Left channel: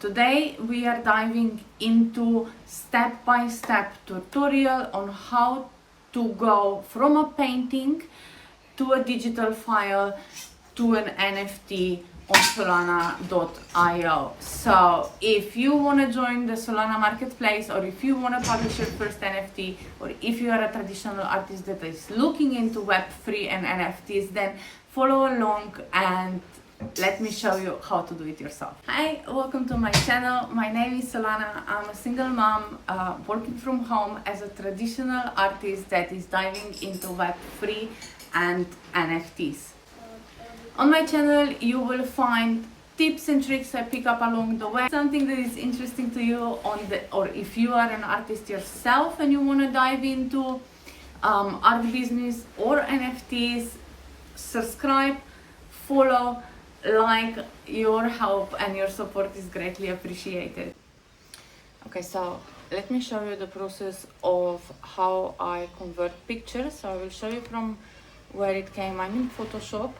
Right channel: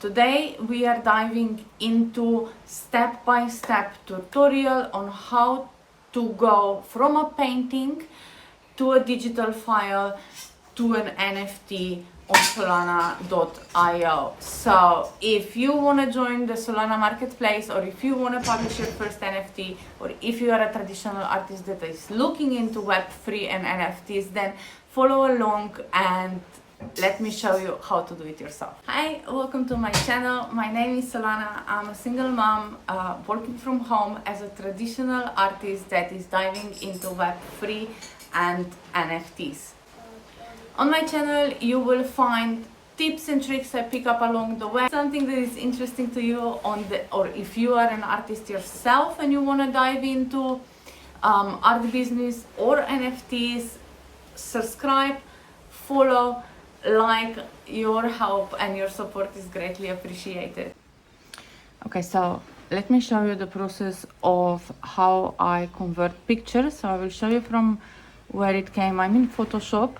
Today we are diving into step-by-step tutorial on how to go from a painting to a digital file to an NFT on Solsea.io. So if you want to join the Solsea Marketplce, or if you want to publish your first NFT, or if you are a traditional artist that is looking into Web3 and NFTs, then follow along and let me show you how to do it yourself. Hi, welcome to my channel. My name is Soullana. I'm a single mom working from home as a traditional artist that is diving into Web3 and NFTs. On my channel you will find tips and tricks I pick up along the way. Something that is interesting to you or if you are an artist yourself and you want to dive into art business or NFTs, subscribe, follow, like. Your help and your support is greatly appreciated. Okay, so let me show you the process of how I convert pictures. So I will show you from where it came. I'm in Photoshop.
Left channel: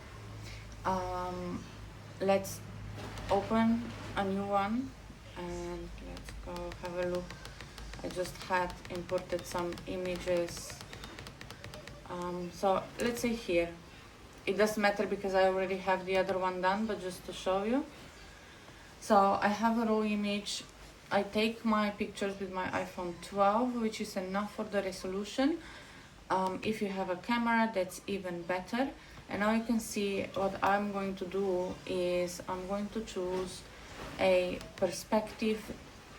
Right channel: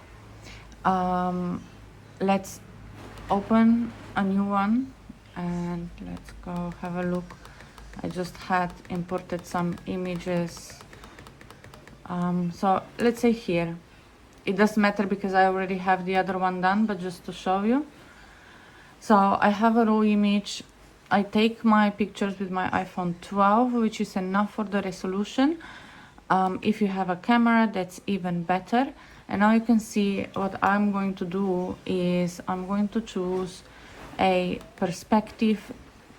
Let's open a new one and let's go have a look. I just had imported some images. So let's say here. It doesn't matter because I already have the other one done, but just to show you. So I have a raw image. I take my pictures with my iPhone 12, which is enough for the resolution. If you have a camera, that's even better. And now you can see what I'm going to do is I'm going to choose a perspective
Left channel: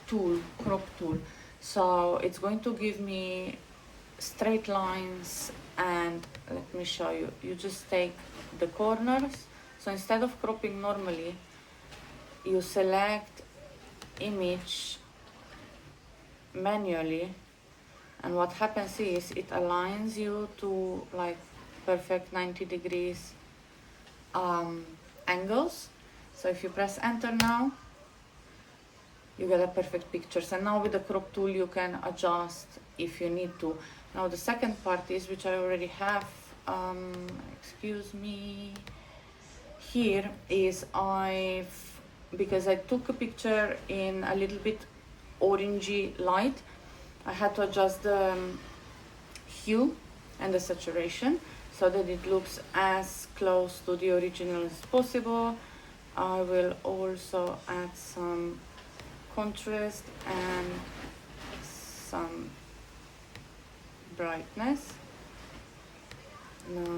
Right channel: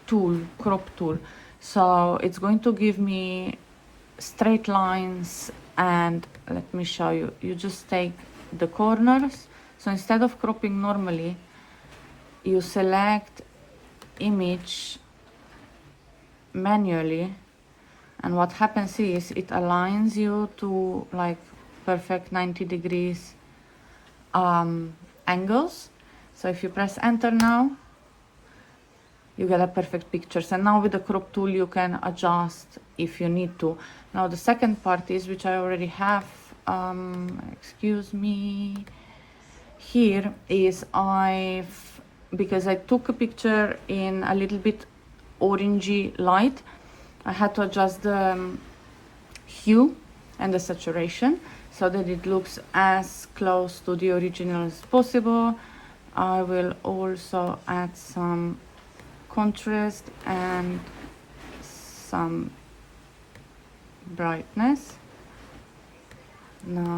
tool, crop tool. So it's going to give me straight lines, and let me show you. You just take the corners. So instead of cropping normally, you select image manually, and what happens is it aligns you to like perfect 90 degrees angles. So if you press enter now, you get a perfect picture. And now with the crop tool you can adjust if you need to. Now the second part is, which I already have, excuse me, here is because I took a picture in a little bit orangey light, I had to adjust the hue and the saturation so that it looks as close to the original as possible. I will also add some contrast and some brightness. Now,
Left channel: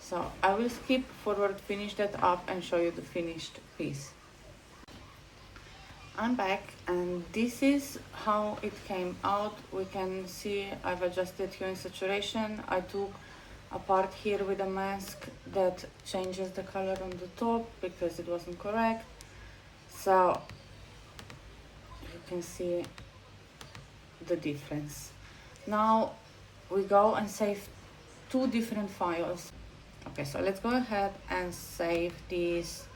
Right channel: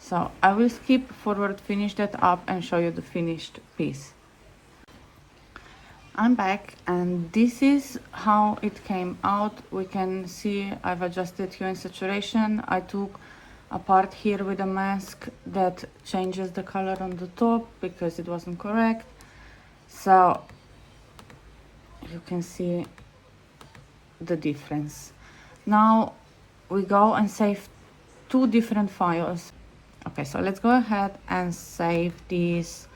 so I will skip forward, finish that up and show you the finished piece. I'm back and this is how it came out. We can see I've adjusted hue and saturation. I took a part here with a mask that changes the color on the top because it wasn't correct. So you can see the difference. Now we go and save two different files. Okay, so let's go ahead and save this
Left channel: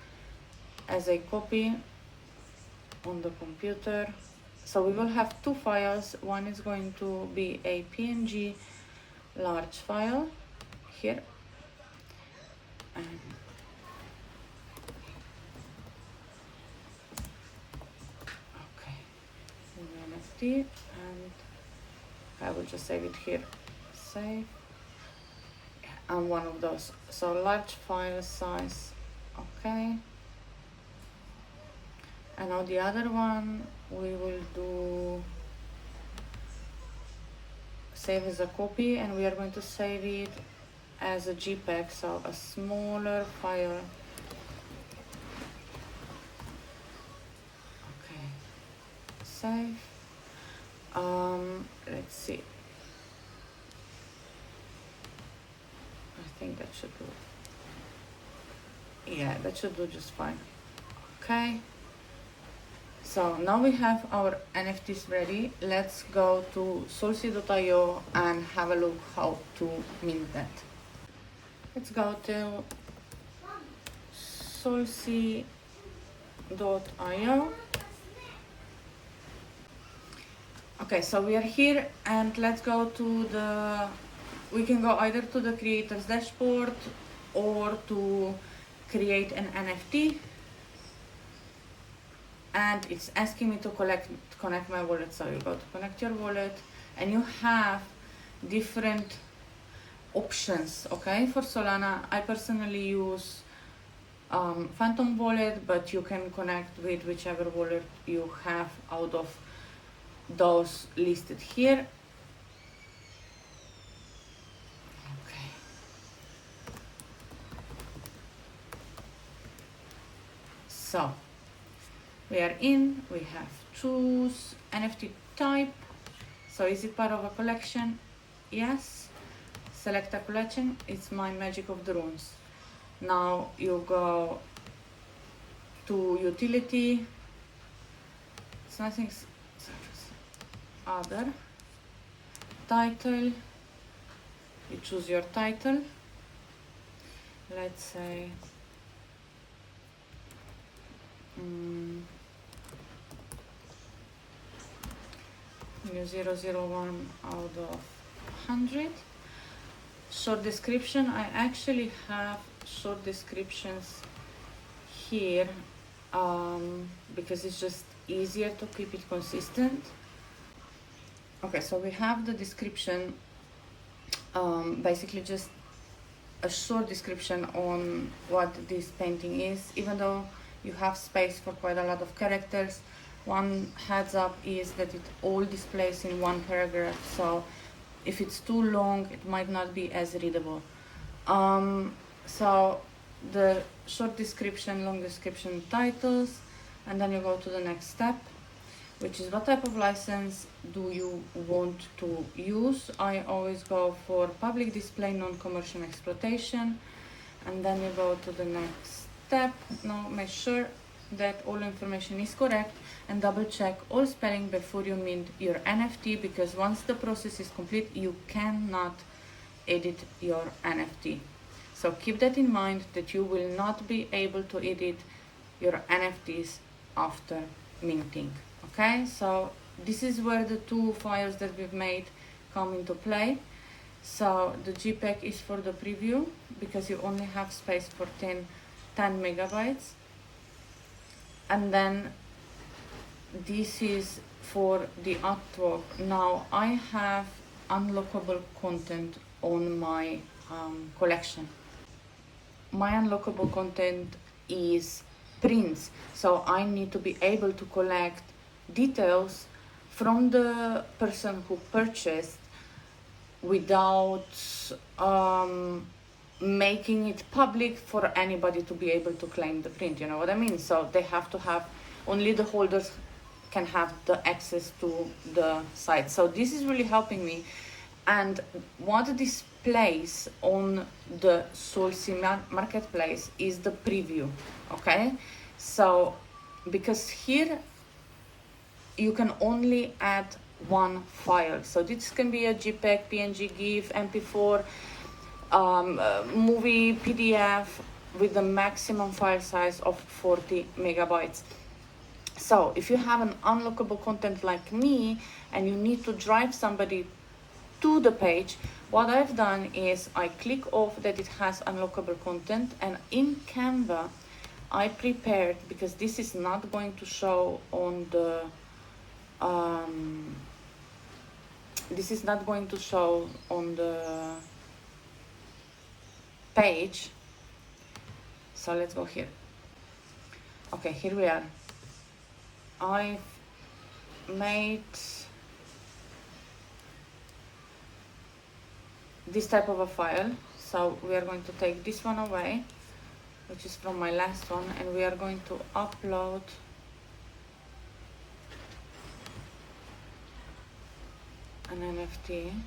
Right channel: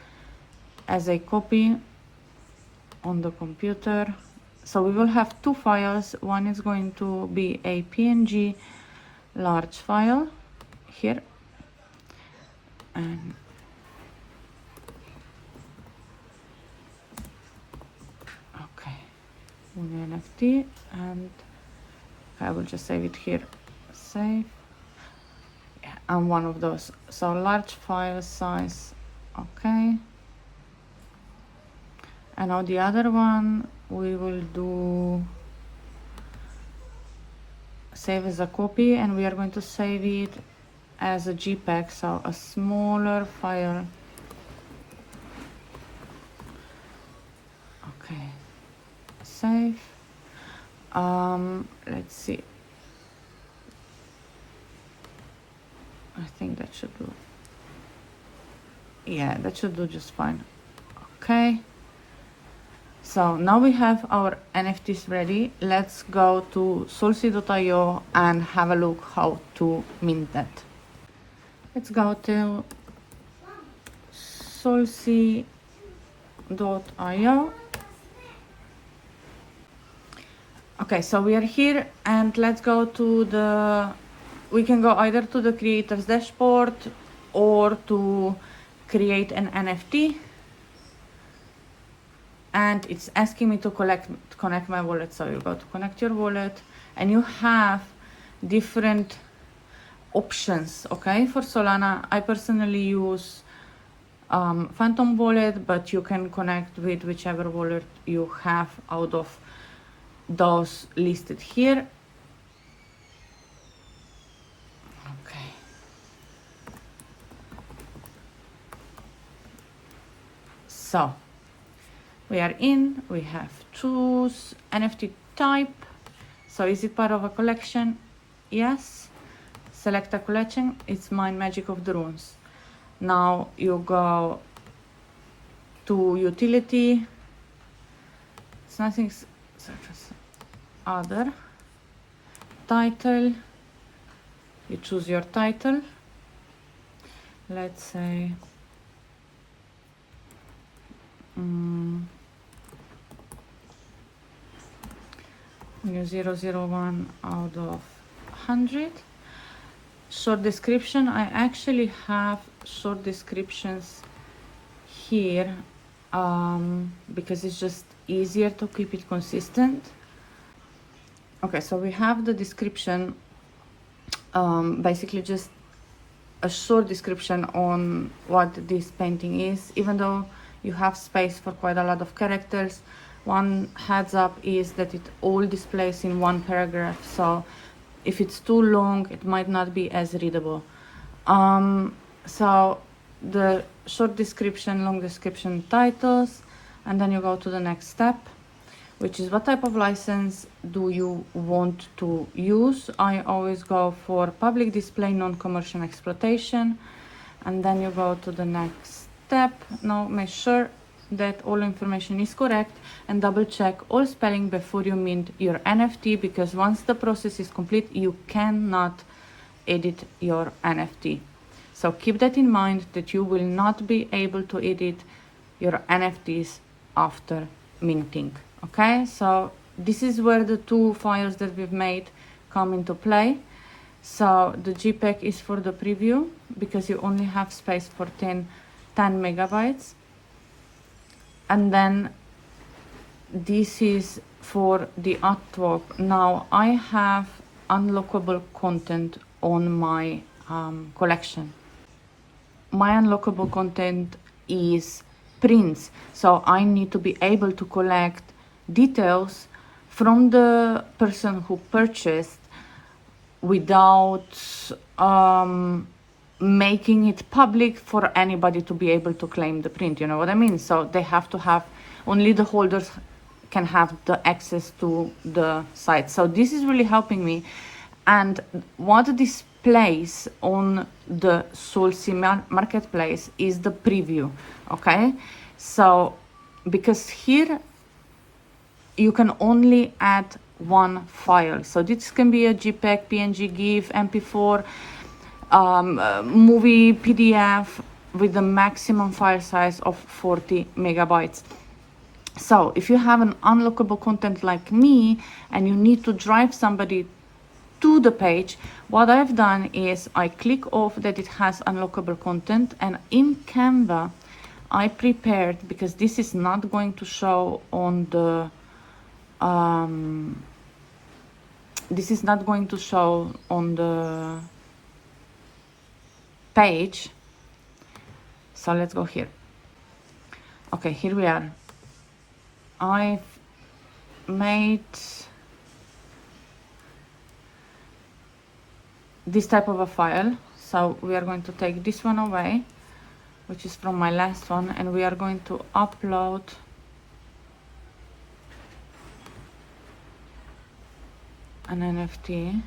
as a copy on the computer. So we will have two files. One is going to be a PNG large file here, and okay, the NFT, and I will just save it here, save, and one of those. So large file size, okay. And now the other one we will do save as a copy, and we are going to save it as a JPEG, so a smaller file. Okay, save. Let's see. I think that should do. Yeah, that should do just fine. Okay. So now we have our NFTs ready. Let's go to Solsea.io and have a look how to mint that. Let's go to Solsea.io. Okay, so we are here and let's go to we can go either to the creator's dashboard or to create an NFT. and it's asking me to connect my wallet. So you go to connect your wallet, and you have different options. Okay, for Solana, I personally use Phantom wallet, but you can connect with whichever wallet you have out of those listed here. Okay. So we are in, we have choose NFT type. So is it part of a collection? Yes. Select a collection. It's my Magic of the Runes. Now you go to utility. It's nothing such as other. Title. You choose your title. Let's say new 001 out of 100. Short description. I actually have short descriptions here because it's just easier to keep it consistent. Okay, so we have the description, basically just a short description on what this painting is, even though you have space for quite a lot of characters. One heads up is that it all displays in one paragraph, so if it's too long it might not be as readable. So the short description, long description, titles, and then you go to the next step, which is what type of license do you want to use. I always go for public display, non-commercial exploitation, and then you go to the next step. Now make sure that all information is correct and double check all spelling before you mint your NFT, because once the process is complete you cannot edit your NFT. So keep that in mind, that you will not be able to edit your NFTs after minting. Okay, so this is where the two files that we've made come into play. So the JPEG is for the preview because you only have space for 10 megabytes. And then this is for the artwork. Now I have unlockable content on my collection. My unlockable content is prints, so I need to be able to collect details from the person who purchased without making it public for anybody to be able to claim the print, you know what I mean? So they have to have, only the holders can have the access to the site. So this is really helping me. And what displays on the Solsea Marketplce is the preview. Okay, so because here you can only add one file, so this can be a JPEG, PNG, GIF, MP4, movie, PDF, with the maximum file size of 40 megabytes. So if you have an unlockable content like me and you need to drive somebody to the page, what I've done is I click off that it has unlockable content, and in Canva I prepared, because this is not going to show on the page. So let's go here. Okay, here we are. I've made this type of a file, so we are going to take this one away, which is from my last one, and we are going to upload an NFT.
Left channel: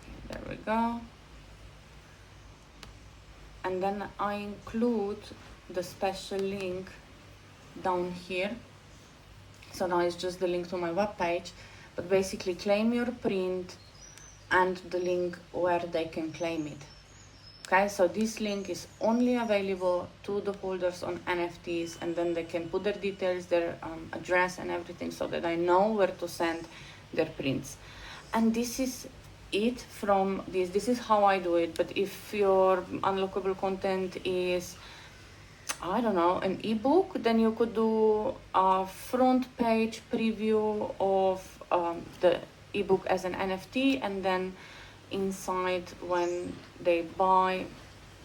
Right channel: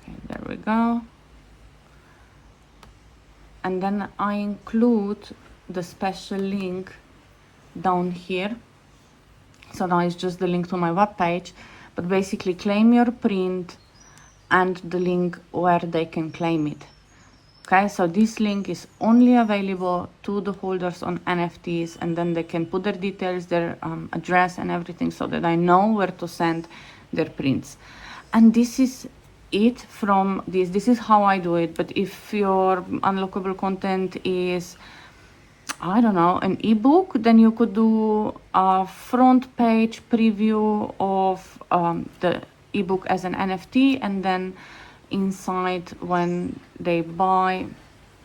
Okay, there we go. And then I include the special link down here. So now it's just the link to my web page, but basically claim your print and the link where they can claim it. Okay, so this link is only available to the holders on NFTs, and then they can put their details, their address and everything, so that I know where to send their prints. And this is it from this. This is how I do it. But if your unlockable content is I don't know, an ebook, then you could do a front page preview of the ebook as an NFT, and then inside, when they buy,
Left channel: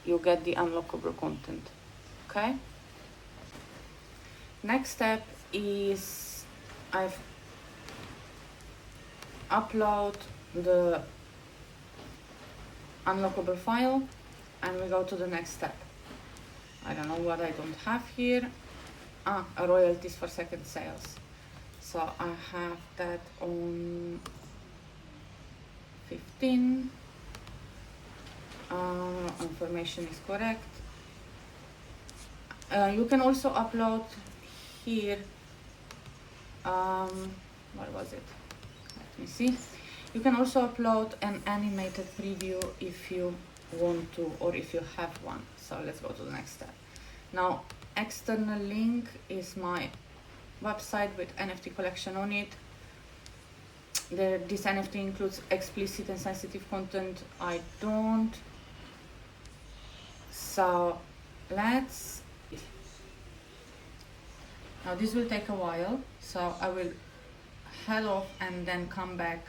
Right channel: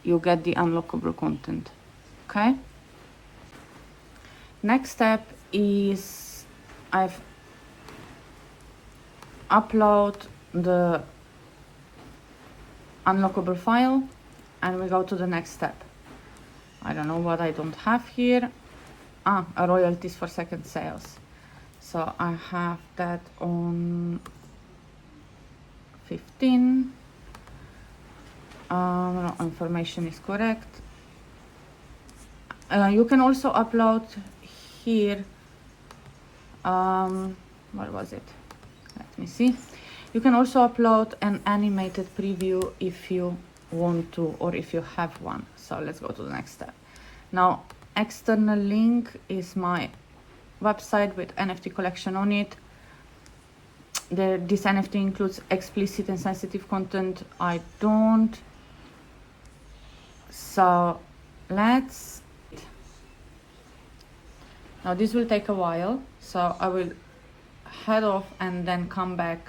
you get the unlockable content. Okay. Next step is I've upload the unlockable file, and we go to the next step. I don't know what I don't have here. Royalties for second sales. So I have that on 15. No, information is correct. You can also upload here. What was it? Let me see. You can also upload an animated preview if you want to, or if you have one. So let's go to the next step. Now, external link is my website with NFT collection on it. This NFT includes explicit and sensitive content. I don't. So let's. Now this will take a while, so I will head off and then come back.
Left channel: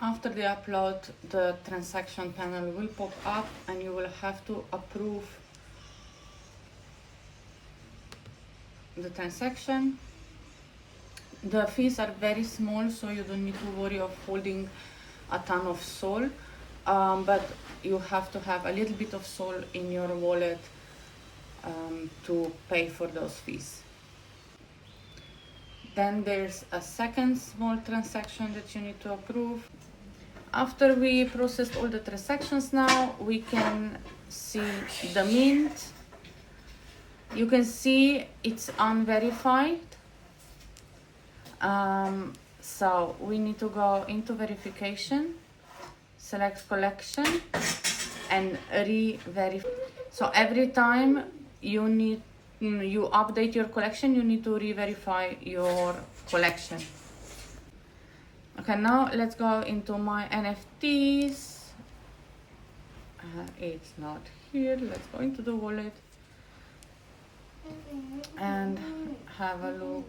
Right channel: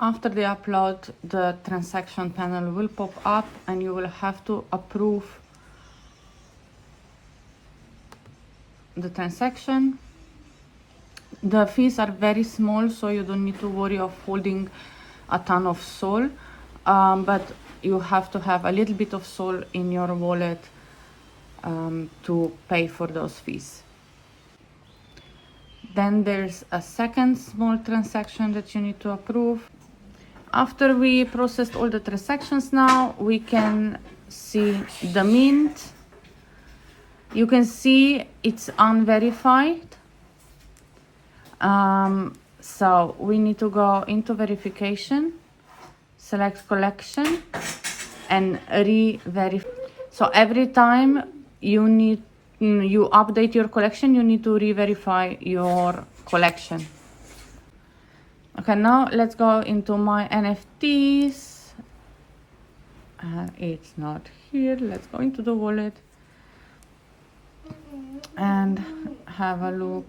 After the upload, the transaction panel will pop up and you will have to approve the transaction. The fees are very small, so you don't need to worry of holding a ton of Sol, but you have to have a little bit of Sol in your wallet to pay for those fees. Then there's a second small transaction that you need to approve. After we processed all the transactions, now we can see the mint. You can see it's unverified. So we need to go into verification, select collection, and re-verify. So every time you update your collection, you need to re-verify your collection. Okay, now let's go into my NFTs. It's not here. Let's go into the wallet and have a look.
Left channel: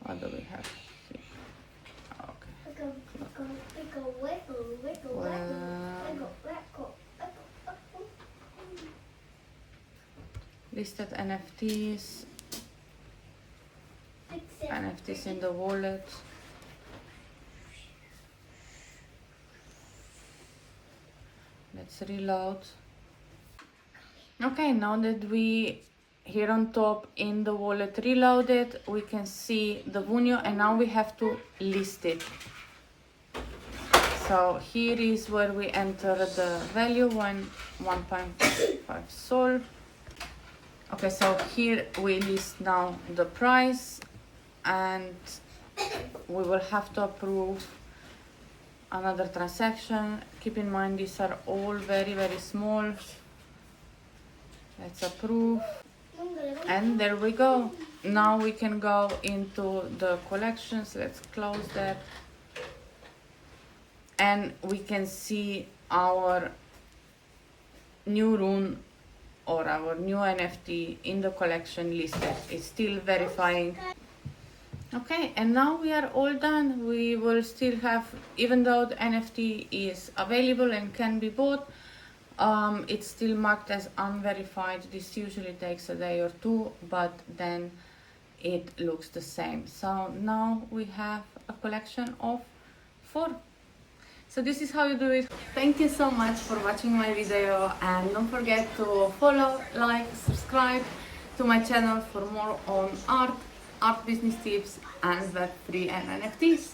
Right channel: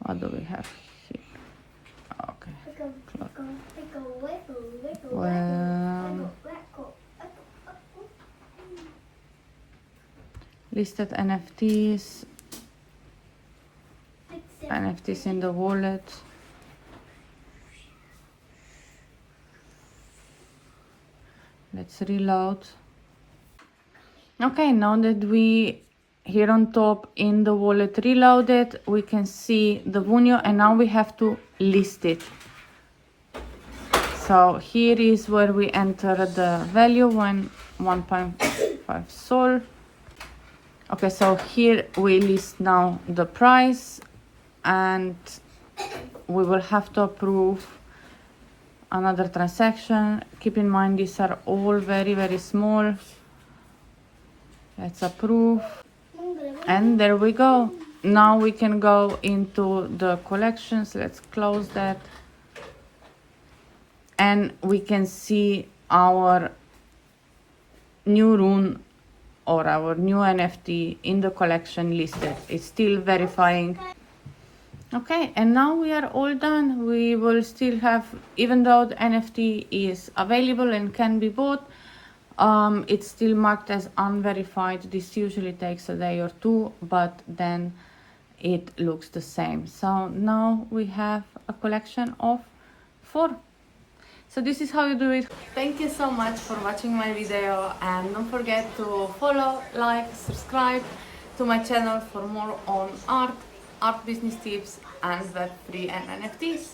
What do we have here? Okay. Listed NFTs. NFTs in the wallet. Let's reload. Okay, now that we here on top in the wallet reloaded, we can see the Vunio, and now we have to list it. So here is where we enter the value, 1.5 Sol. Okay, so here we list now the price, and we will have to approve another transaction. Keep in mind these are all very, very small. Let's approve, and there we go. Now we can go into the collections. Let's close that, and we can see our new rune or our new NFT in the collection listed. It's still verifying. Okay, and now we are all done. We will still have, even though the NFT is available and can be bought, it's still marked as unverified. This usually takes a day or two, but then it looks the same. So now we have a collection of 4. So this is how you do it. Thank you so much for watching my video, and don't forget to follow, like, subscribe to my channel for more on art business tips, and Web3 and NFTs.